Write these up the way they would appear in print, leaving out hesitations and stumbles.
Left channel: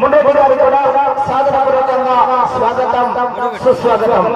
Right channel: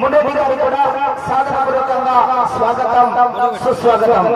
ముండేటి గారికి కూడా సాదరపూర్వకంగా స్వాగతం సుస్వాగతం.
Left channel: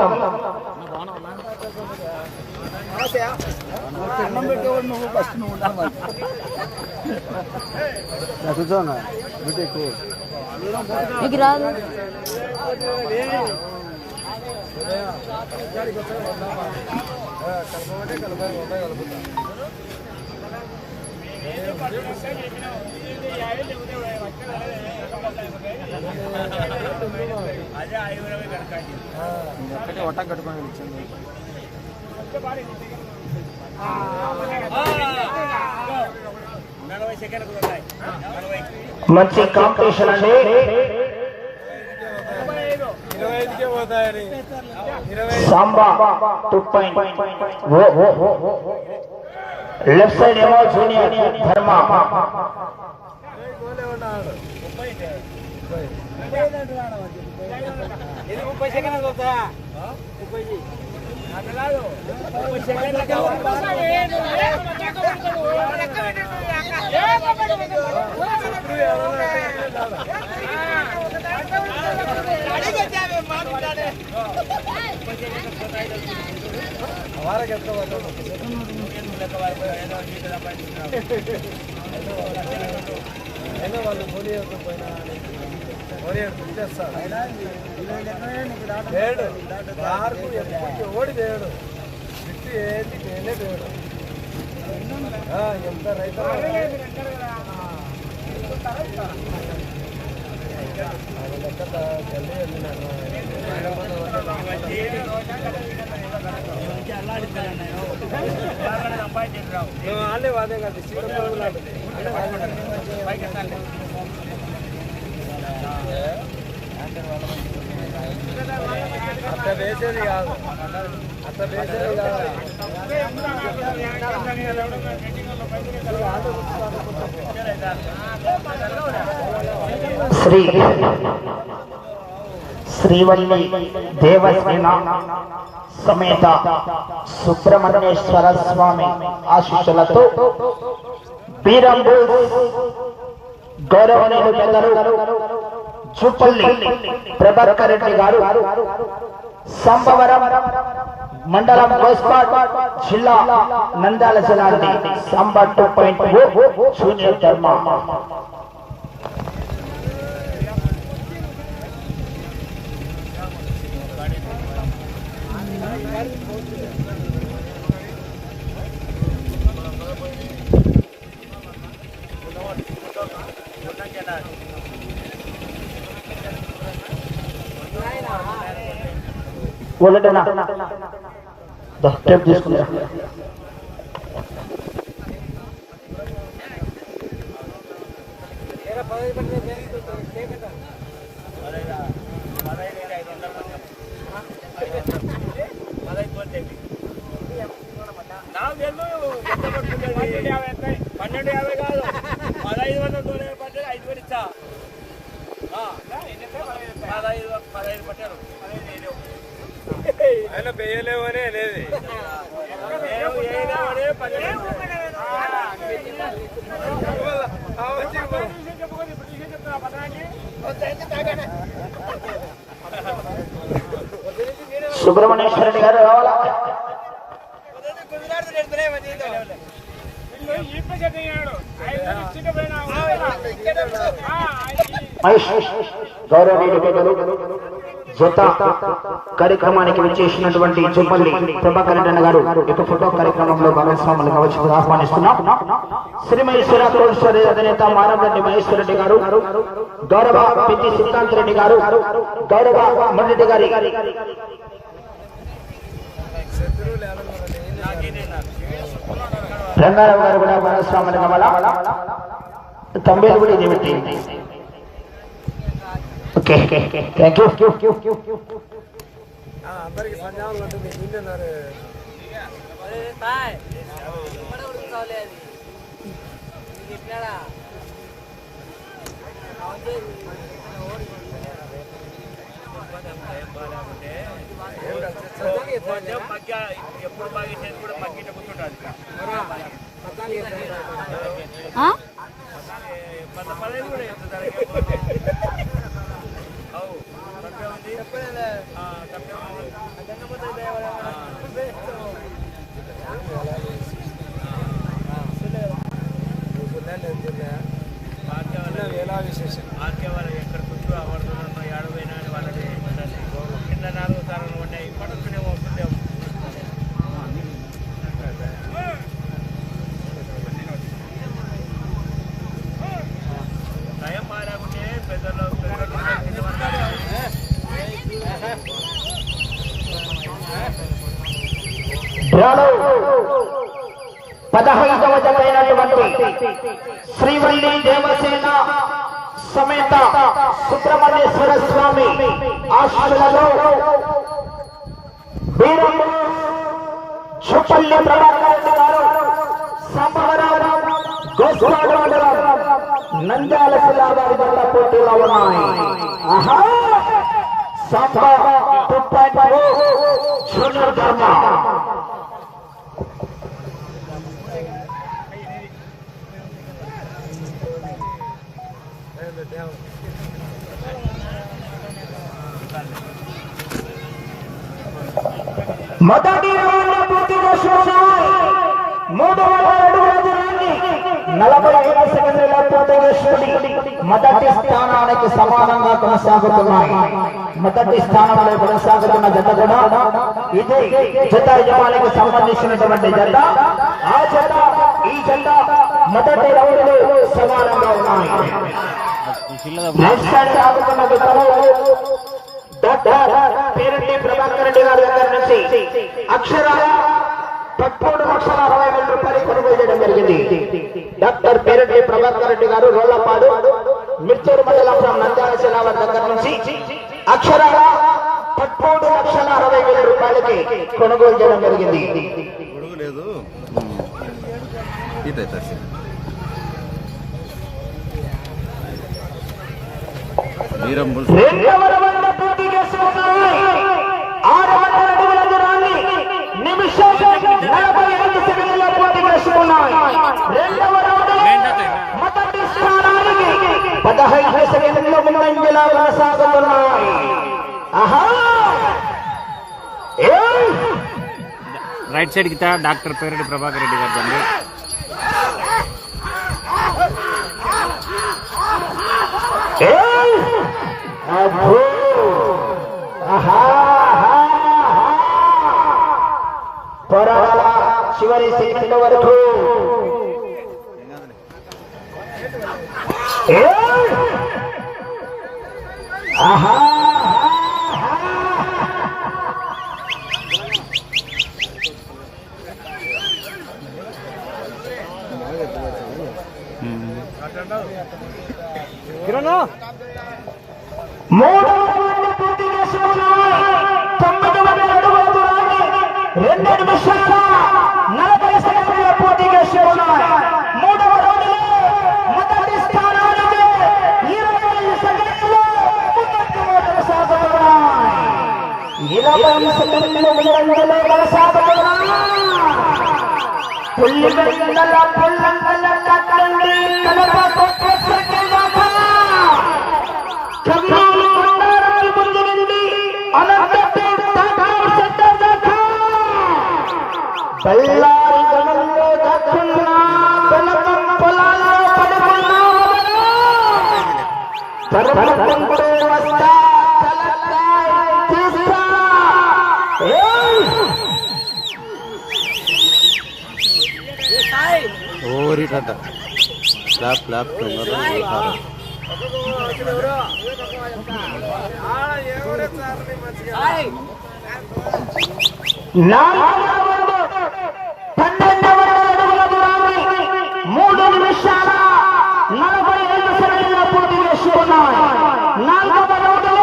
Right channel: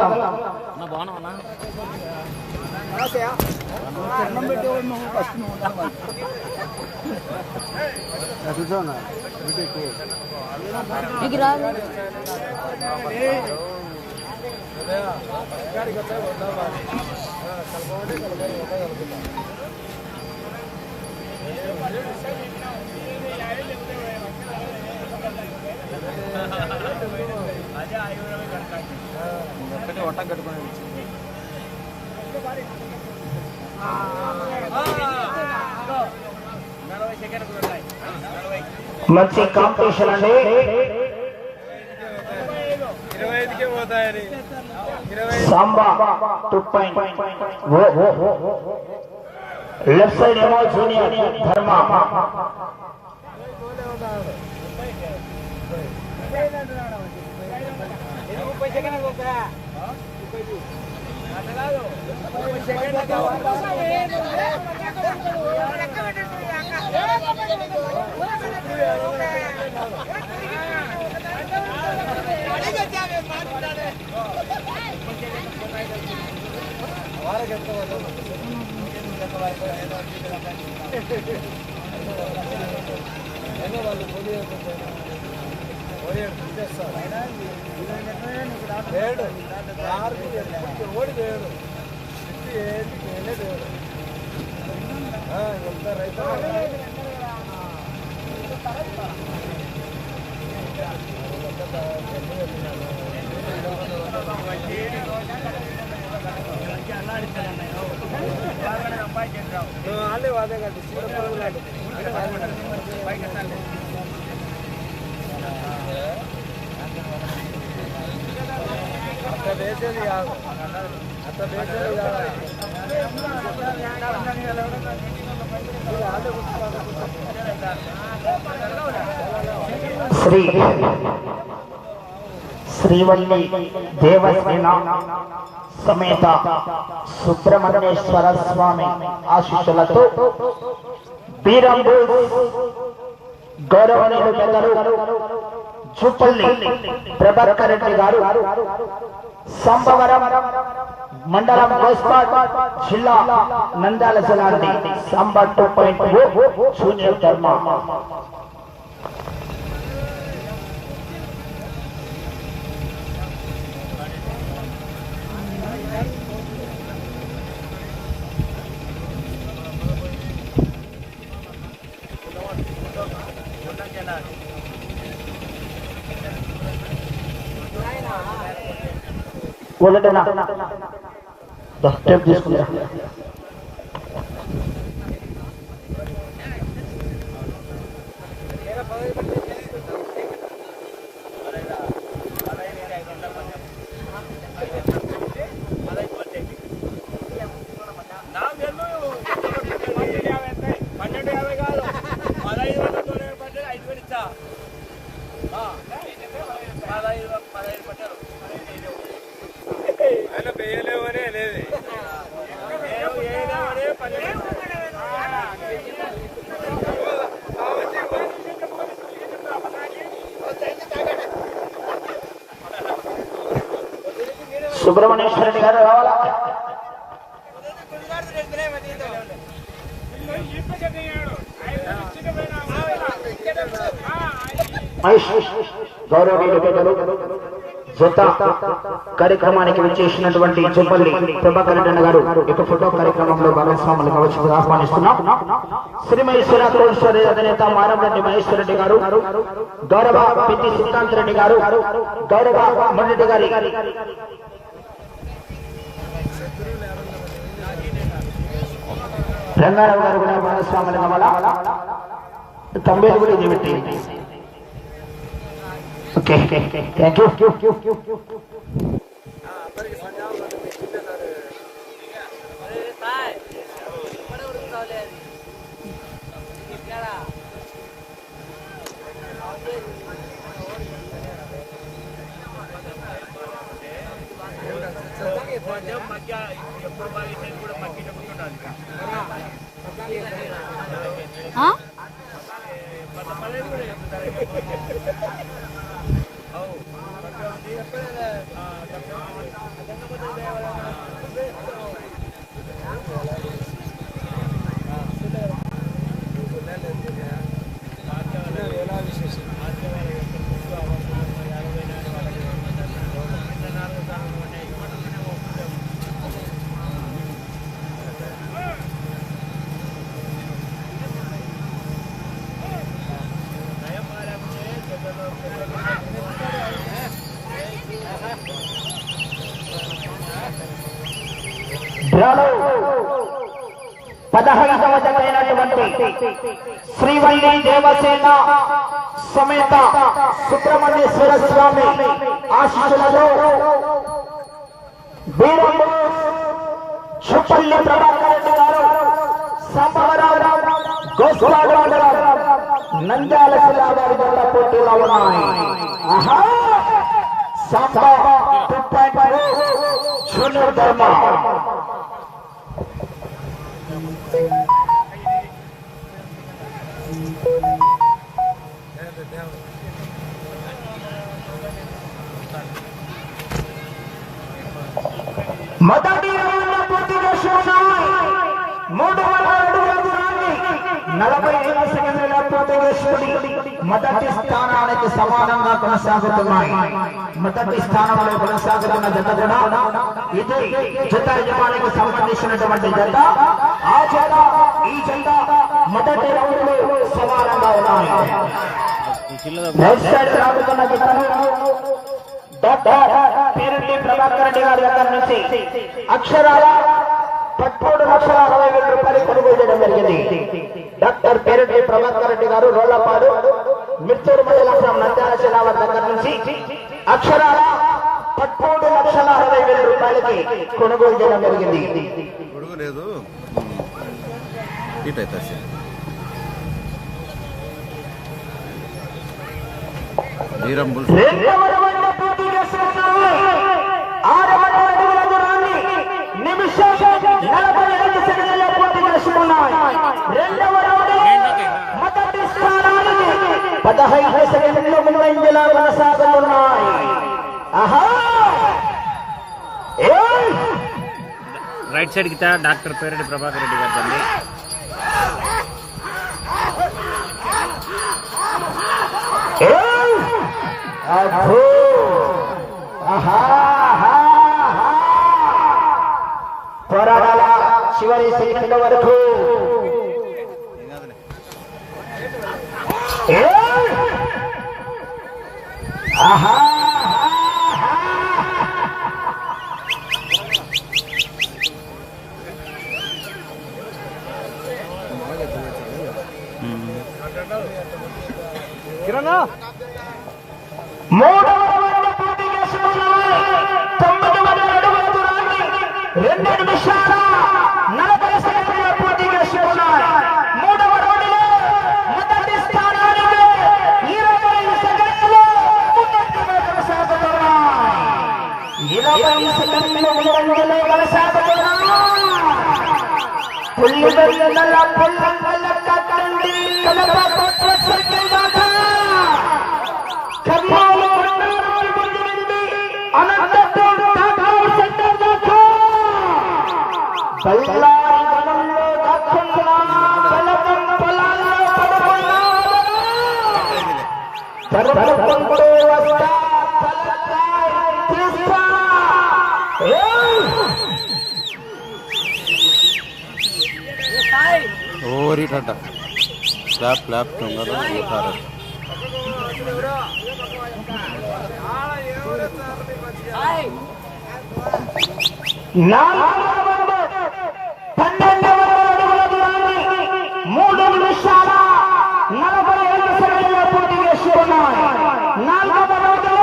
ఒక్కటే ఒట్టం కట్టుకొని వచ్చింది. మంచి కాంపిటీషన్ అండి. 25కే పోతాయని సాంబా 2.0 లెఫ్ట్ సైడ్ ఏమో జూనియర్ ధర్మ. ఓడి దేవుడు ఏంటి దేవుడు ఎంత రైతు అదే కాదు అట్ట వేసేది కాదు అట్ట వేసేది కాదు. శ్రీవల్లి దేవసేన సమేత సుబ్రహ్మణ్యేశ్వర స్వామి ఆశీస్సులతో బీరంబు గౌరవనీయులు పెద్దలు జూపల్లి ప్రభాకర్ రెడ్డి గారు, సంబవరం మండలం గోస్పాట్ జిల్లా నంద్యాల జిల్లాని సాంబా 2.0 జూనియర్ ధర్మ. టేప్ తీసుకున్నా. సుబ్రహ్మణ్యేశ్వర రెడ్డి గారు రావాలా? గౌరవనీయులు పెద్దలు జత కార్యక్రమానికి విచ్చేసినటువంటి జూపల్లి ప్రభాకర్ రెడ్డి గారు ఇక ఫోటో కార్యక్రమంలో భాగస్వాములు కావచ్చు ఆహ్వానిస్తున్నాం. శ్రీ మహేశ్వర కోల్స్వరి అధినేత మారంరెడ్డి మహేశ్వర రెడ్డి గారు, గౌరవ పిద్ది సిద్ధాంత్ రెడ్డి గారు, గౌరవ మన్రెడ్డి గారి రంగారావు గారు కూడా భాగస్వాములు కావాలా? తొంభై కూడా ఇది. Okay, thank you. Srivalli Devasena సమేత సుబ్రహ్మణ్యేశ్వర స్వామి ఆశీస్సులతో చుప్పల్లి నంద్యాల జిల్లా వారి వల్ల పోటీలో ఉన్నాయి. జూనియర్ ధర్మ మొదటి పూర్తి చేసుకున్నాయి. 3 అడుగుల దూరాన్ని 45 సెకండ్ల పూర్తి చేసుకుని మొదటి స్థానానికి సమానంగా కొనసాగుతున్నాయి. మొదటి స్థానంలో కొనసాగుతున్న జత కూడా ఇది జత యజమానికి సంబంధించినటువంటి జత. ఆ జత ఈ జత మొదటి రౌండ్ లో సమానంగా ఉన్నాయి. పేరెడ్డి ప్రభాకర్ రెడ్డి గారి దగ్గర నుంచి అక్షరాల 13,60,000 రూపాయలు కొనుగోలు చేయడం జరిగింది. డాక్టర్ పేరెడ్డి ప్రభాకర్ రెడ్డి గారు రోళ్లపాడు మిర్చూరు మండలం నంద్యాల జిల్లా దగ్గర నుంచి అక్షరాల 13,60,000 రూపాయలకి కొనుగోలు చేయడం జరిగింది. నిమిషం 45 సెకండ్ల పోటీ చేసుకున్నాయి. రెండవ మొదటి స్థానానికి 15 సెకండ్ల ముందంజలా కొనసాగుతున్నాయి. రైట్ సైడ్ కి డాక్టర్ పేరెడ్డి ప్రభాకర్ రెడ్డి గారు బండి. పోరాడాల చివరి సెకండ్ వరకు కిరణ్ 3 పూర్తి చేసుకున్నాయి. 9 అడుగుల దూరాన్ని 2 నిమిషాల 40 సెకండ్ల పోటీ చేసుకున్నాయి. 3వ రౌండ్లో మొదటి స్థానానికి 20 సెకండ్లు ముందంజలో కొనసాగుతున్నాయి. 20 సెకండ్లు ముందంజలో కొనసాగుతున్నాయి. పుల్లిగొండల పిల్లంగల నుండి కలపకొట్ట సెకండ్లక కర్నూలు కొండారెడ్డి నుండి అనంతపూర్ తాగారు సెకండ్లక బళ్ళారి గమల్లో దక్షిణ బెలకం పొలాల్లో పడుకున్నాడు. పరపడుకుంటూ వస్తా తీస్తా ఓరి కట క్లాప్ క్లాప్ తొందర ఊహారు. మూడు నిమిషాల 45 సెకండ్ల పూర్తి చేసుకున్నాయి. 4వ రౌండ్లో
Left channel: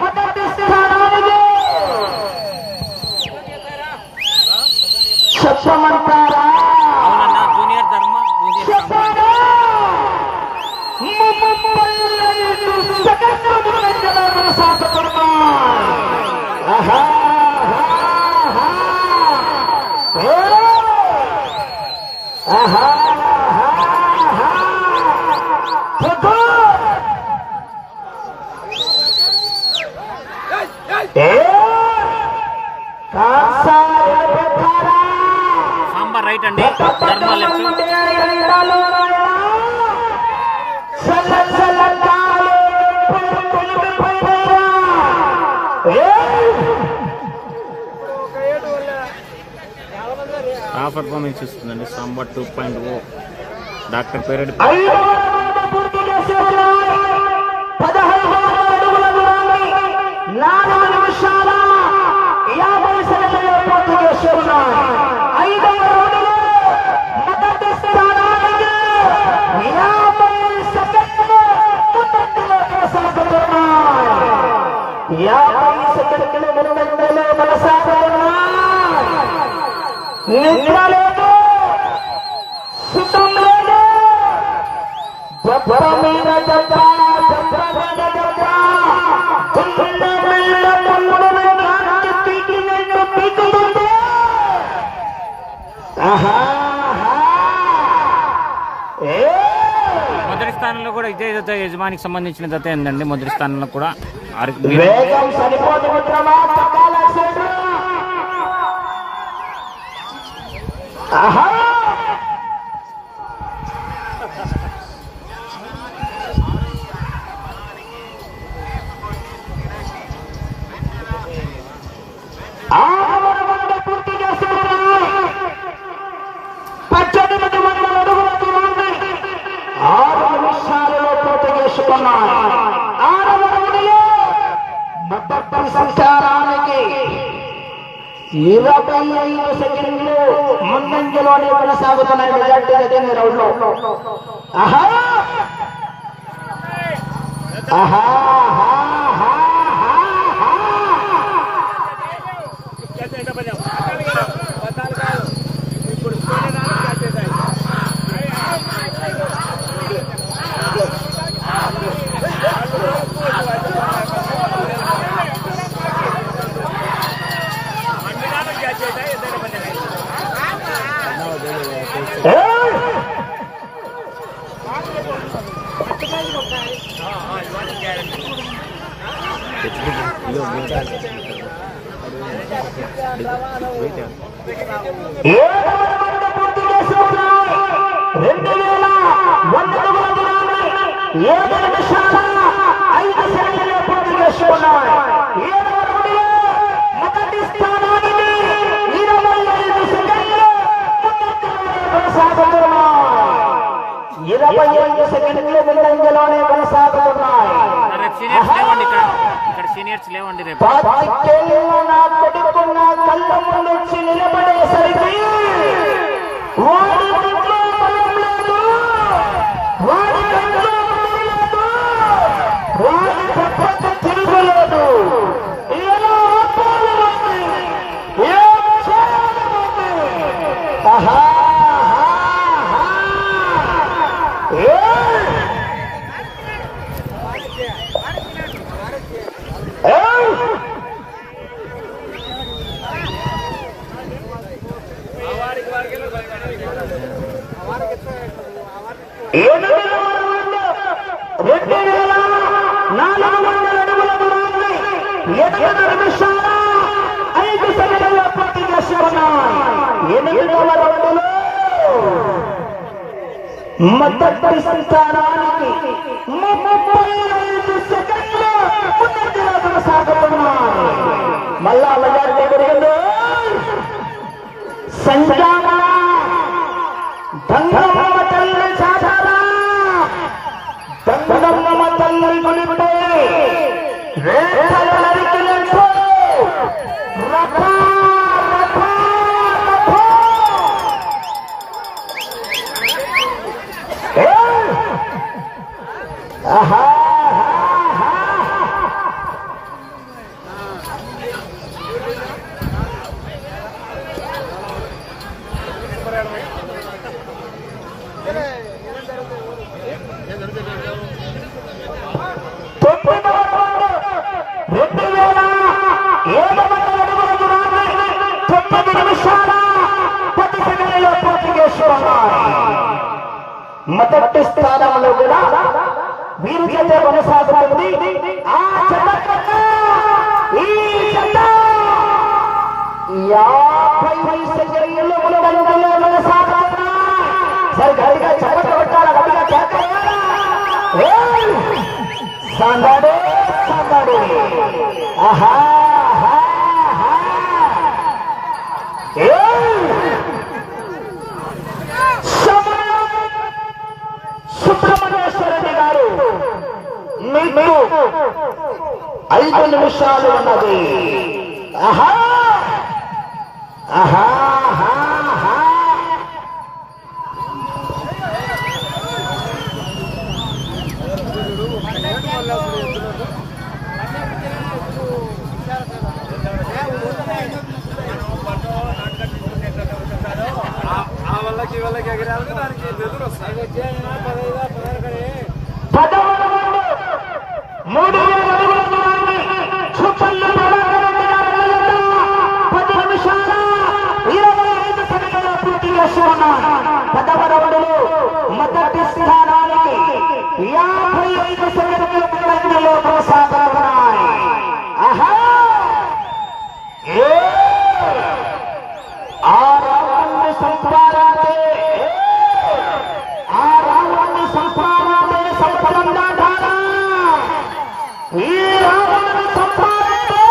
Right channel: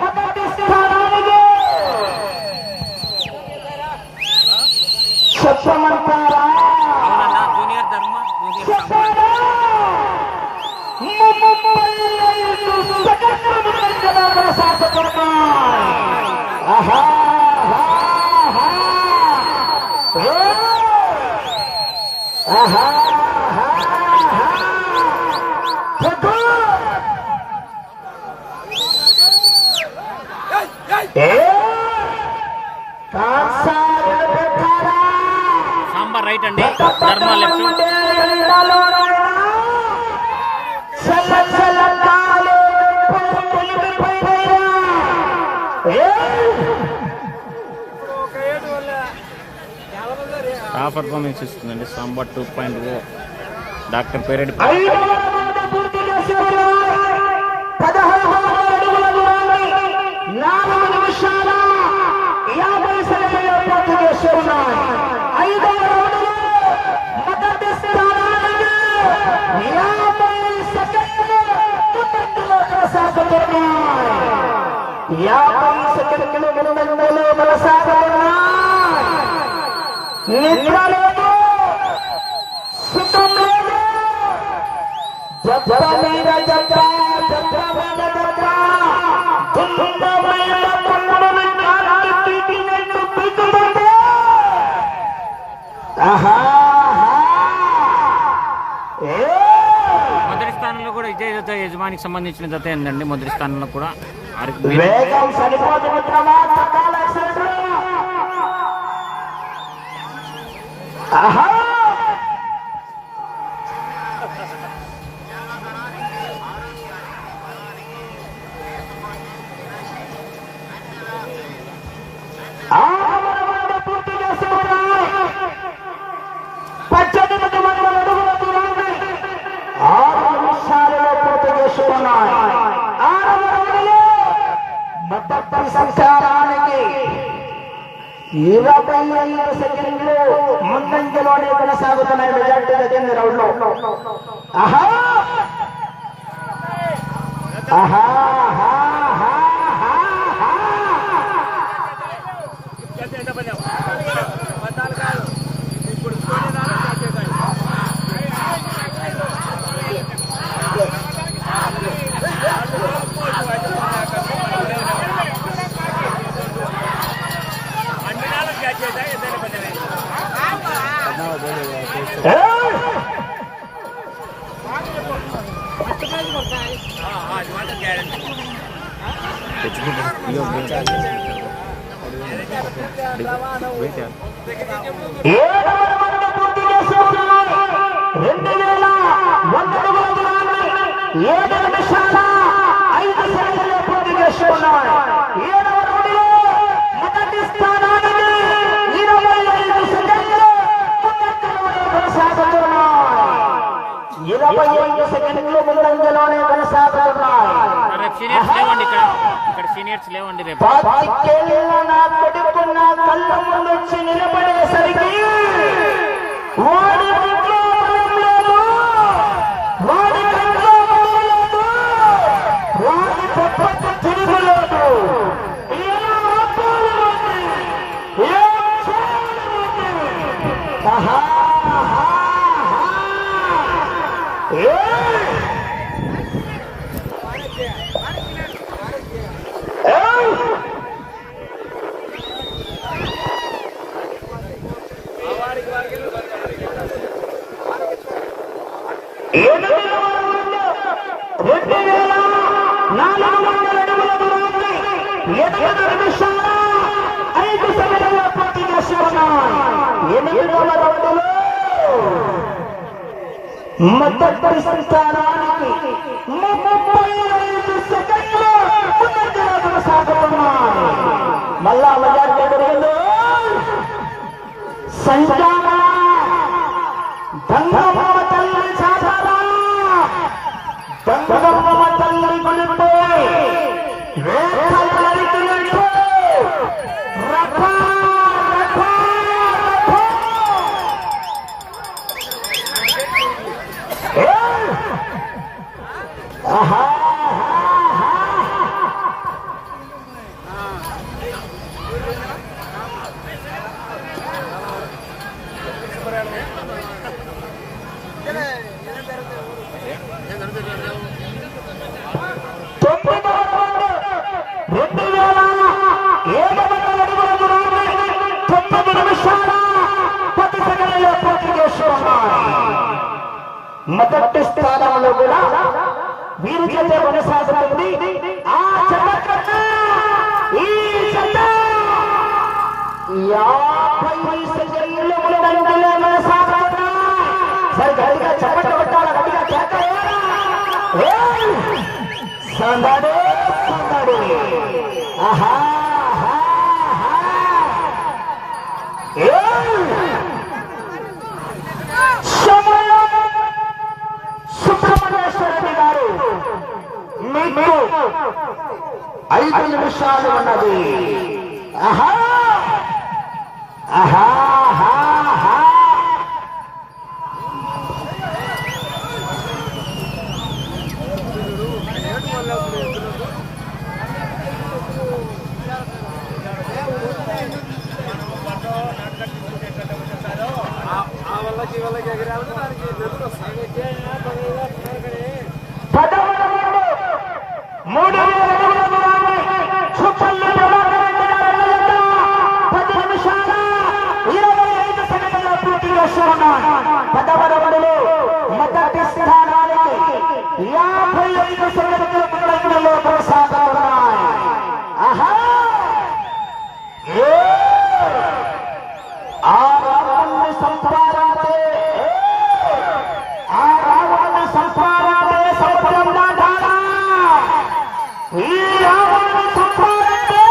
మొదటి స్థానానికి చెప్పమంటారా? జూనియర్ ధర్మ చెప్పారా? 35 సెకండ్ల ముందంజలో కొనసాగుతున్నాయి. సాంబార్ రైట్ అండి, ధర్మ లెఫ్ట్. ఆ పర్ఫార్మెన్స్ ఇస్తుందండి సాంబార్ 2.0 డాక్టర్ పేరెడ్డి. 15 అడుగుల దూరాన్ని 4 నిమిషాల 50 సెకండ్ల పూర్తి చేసుకున్నాయి. 5వ రౌండ్లో మొదటి స్థానానికి 50 సెకండ్లు ముందంజలో కొనసాగుతున్నాయి. నిద్ర లేదు, సుఖం లేదు. జబ్బ మీద జబ్బ, జబ్బ మీద జబ్బ. దుఃఖ మీద కన్నుల మీద తిట్టి నిన్ను పిచ్చుకుంటే. మొదటి స్థానంలో కూడా ఇదే జత యజమానికి సంబంధించిన జత ఏందండి. మొదటి స్థానంలో కూడా వేగం సరిపోదు మిత్రమా, పక్కాల సైడు. ఆహా పూర్తి చేస్తున్నారు. 18 వందల అడుగుల దూరాన్ని 6 నిమిషాలలో పూర్తి చేసుకున్నారు. 6వ రౌండ్లో మొదటి సంచారానికి 25 సెకండ్లు ముందంజలోనే కొనసాగుతున్న మెజార్టీ అదే రౌండ్ లో. ఆహా ఆహా పూర్తి చేసుకున్నారు. 2100 అడుగుల దూరాన్ని 7 నిమిషాల 5 సెకండ్లలో పూర్తి చేసుకున్నారు. 7వ రౌండ్లో మొదటి స్థానానికి 25 సెకండ్లు కొనసాగుతున్నారు. 25 సెకండ్లు ముందంజలోనే కొనసాగుతున్నాయి. ఇక్కడ సీనియర్స్ లేవండి. రేపు 10 ఏళ్ళ నా కొడుకు నా కళ్ళ ముందు వచ్చి నిలబడేసరికి వాడి ఒంట్లో బలం లేదు, వాడి కంట్లో బలం లేదు, తిరగలేదు. ఏం చేయాలి? ఆహా మొదటి సంతానానికి 35 సెకండ్లు ముందంజలో కొనసాగుతున్నాయి. మళ్ళా మెజారిటీ పెరిగింది. సంచార దంగమ్మ తల్లి చాచార దంగమ్మ తల్లి గుడిపే రేఖలు నరికినట్టు రఫా రఫా రఫా. ఆహా మొదటి స్థానంలో కూడా వీరి జత కొనసాగుతుంది. ఆ జత కన్నా ఈ జత 50 సెకండ్లు ముందంజలో కొనసాగుతున్నాయి. సరే గట్టిగా చప్పట్లు కొట్టాలి, గట్టిగా కేకలేయాలి. సందడే సందడే. ఆహా సుబ్రహ్మణ్యేశ్వరరెడ్డి గారు మీకు 5 నిమిషాలు ఉన్నది. ఆహా ఆహా 3,000 అడుగుల దూరాన్ని చుప్పల్లి ప్రభాకర్ 10 నిమిషాల 25 సెకండ్లలో పూర్తి చేస్తున్నాడు. 10వ రౌండ్లో మొదటి స్థానానికి 55 సెకండ్ల ముందంజలో కొనసాగుతున్నాయి. ఆహా ఆ రావాన్ని సంపాదించే సంపదంగా కాదా ఈ రావాన్ని సంపాదించే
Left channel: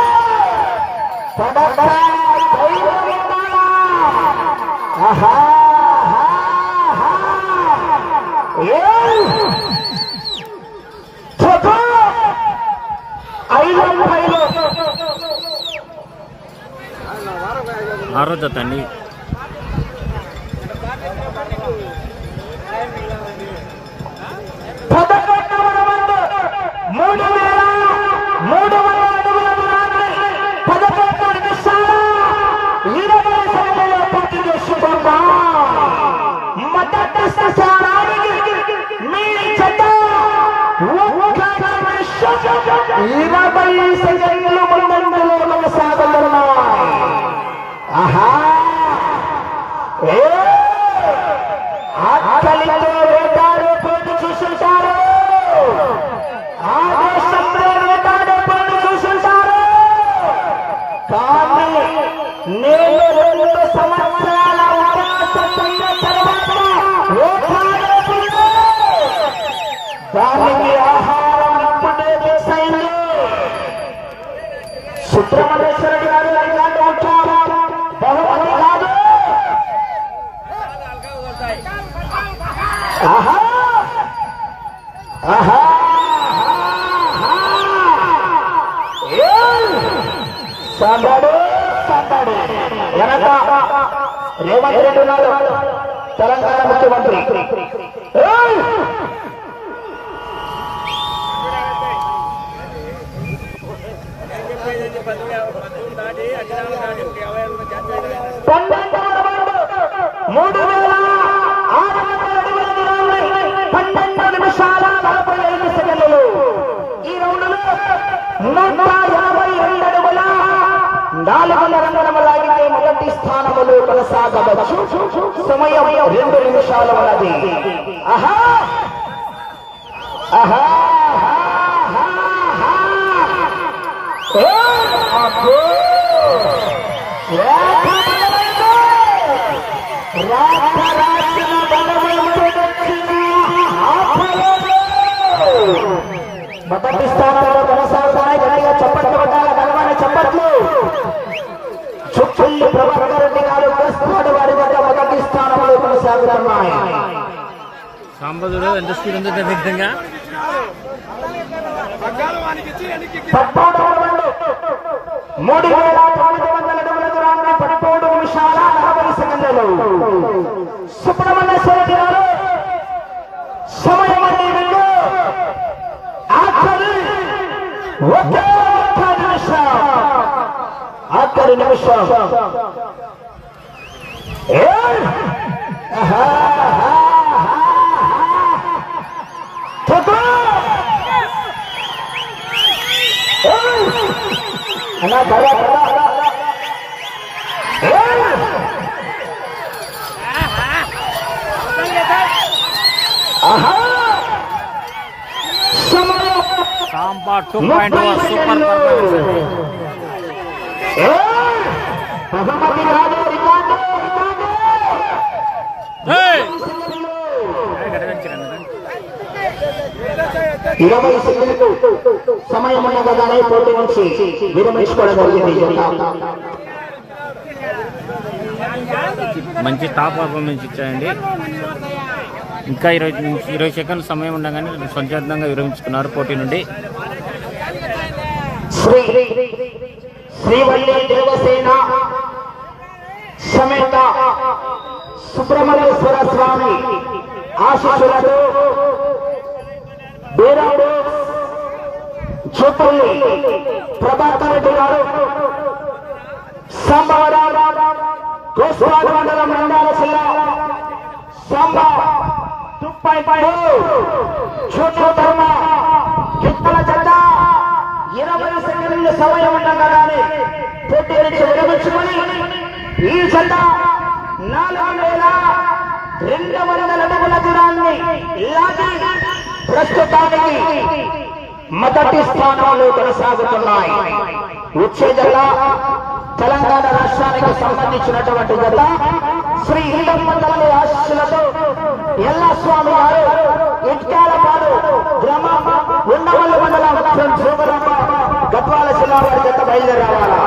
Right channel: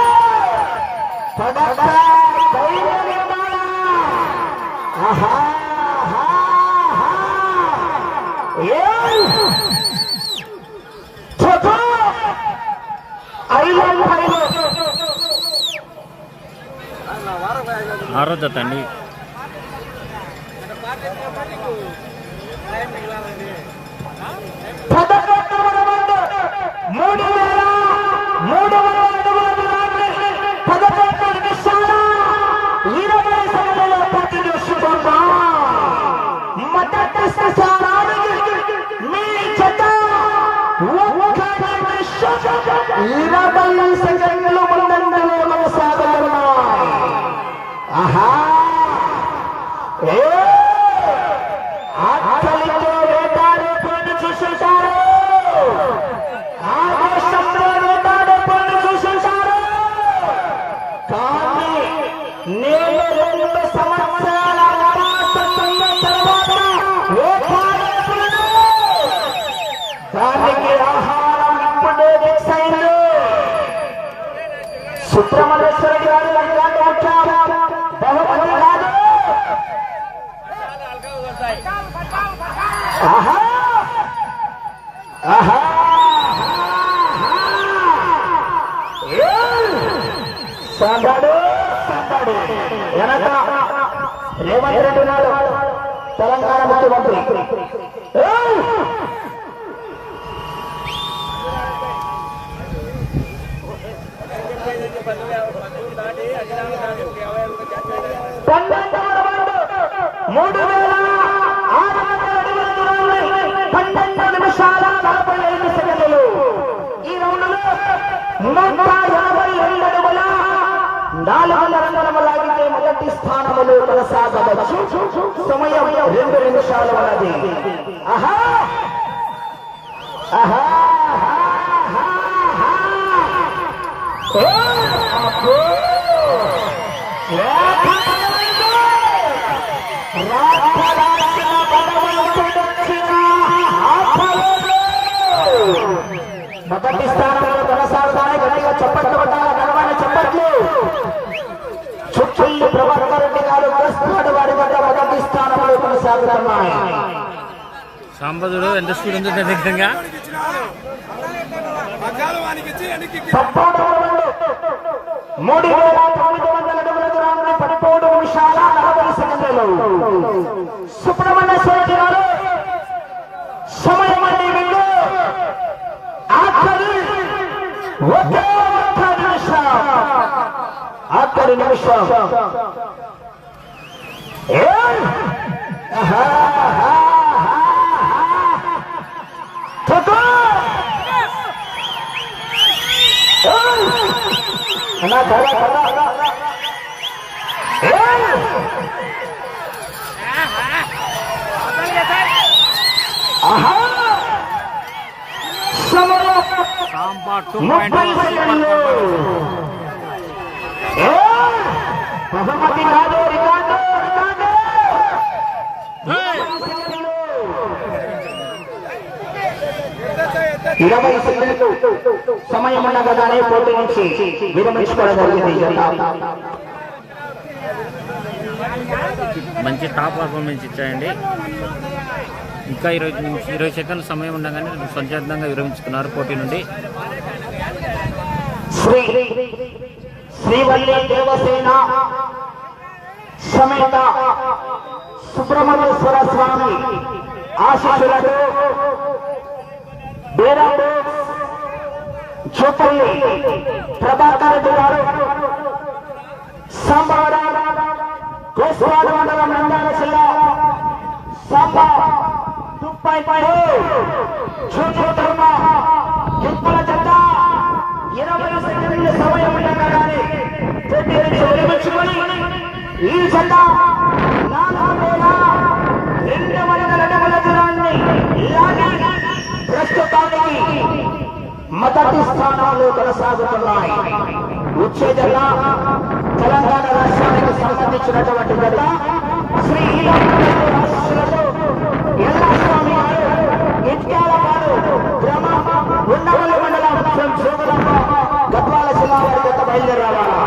ఆహా ఆరో జత అండి. ఆకలితో వేటాడే పోటీ చూసుంటారు. ఆవేశంతో వేటాడే పోటీ చూసుంటారు. కానీ నేను 2 సంవత్సరాల తర్వాత దానికి ఆహారం ఇప్పుడే ఫిక్స్ అయింది. సుబ్రహ్మణ్యేశ్వర గారు బహుమతి కాదు. సందడి సందడి వెనక రేవంత్ రెడ్డి నాడు తెలంగాణ ముఖ్యమంత్రి. ఈ రౌండ్లో 182 అడుగుల 400 రంగుల లాగితే మొదటి స్థానంలో కొనసాగవచ్చు. సమయం 2 నిమిషాలు ఉన్నది. ఆహా ఆహా మొదటి స్థానంలో కొనసాగుతానే గనక చప్పట్లు కొట్టాల గలవాని చప్పట్లు. చుప్పల్లి ప్రభాకర్ రెడ్డి గారు ప్రస్తుతాడు వారి వద్ద మొదటి స్థానంలో కొనసాగుతున్నాయి. సాంబదుడు ఎంత స్పీడ్ ఉందో విధంగా 3,900 అడుగుల దూరాన్ని 13 నిమిషాల 40 సెకండ్లలో సుబ్రహ్మణ్యేశ్వర గారు సమయం అన్ని వెళ్ళు. ఆఖరి నిమిషం అన్నా ధర సాంబా 2.1 సూపర్ బహుమతి కాదు రికార్డు 20 సెకండ్లు సమయం ఉండగానే పోటీ నుంచి విరమించుకోవడం జరిగింది. మంచి టాప్ పర్ఫార్మెన్స్ ఇచ్చాయండి. ఇంకా 20 సెకండ్ల సమయం ఉండగానే స్వచ్ఛందంగా విరమించుకున్నారు పోటీ నుండి. శ్రీవల్లి దేవసేన సమేత సుబ్రహ్మణ్యేశ్వర స్వామి ఆశీస్సులతో బేరాడు చూపల్లి ప్రభాకర్ రెడ్డి గారు సాంబారావు గోస్వాడ మండలం నంద్యాల జిల్లా సాంబా తుప్పై చూపు ధర్మ కిత్తల జెండా సెకండ్ల సమయం ఉండగానే పోటీ నుంచి విరమించుకొని ఈ జత 4,200 అడుగుల దూరాన్ని లాగి ప్రస్తుతానికి మొదటి స్థానంలో కొనసాగుతున్నాయి. వచ్చే జత తెలంగాణ రాష్ట్రానికి సంబంధించినటువంటి జత శ్రీ ఈరమ్మగారి ఆశీస్సులతో ఎల్లస్వామి గారు ఇట్కాలపాడు గ్రామం ఉండవల్లి మండలం గద్వాల జిల్లా వారి జత బయలుదేరావాలా.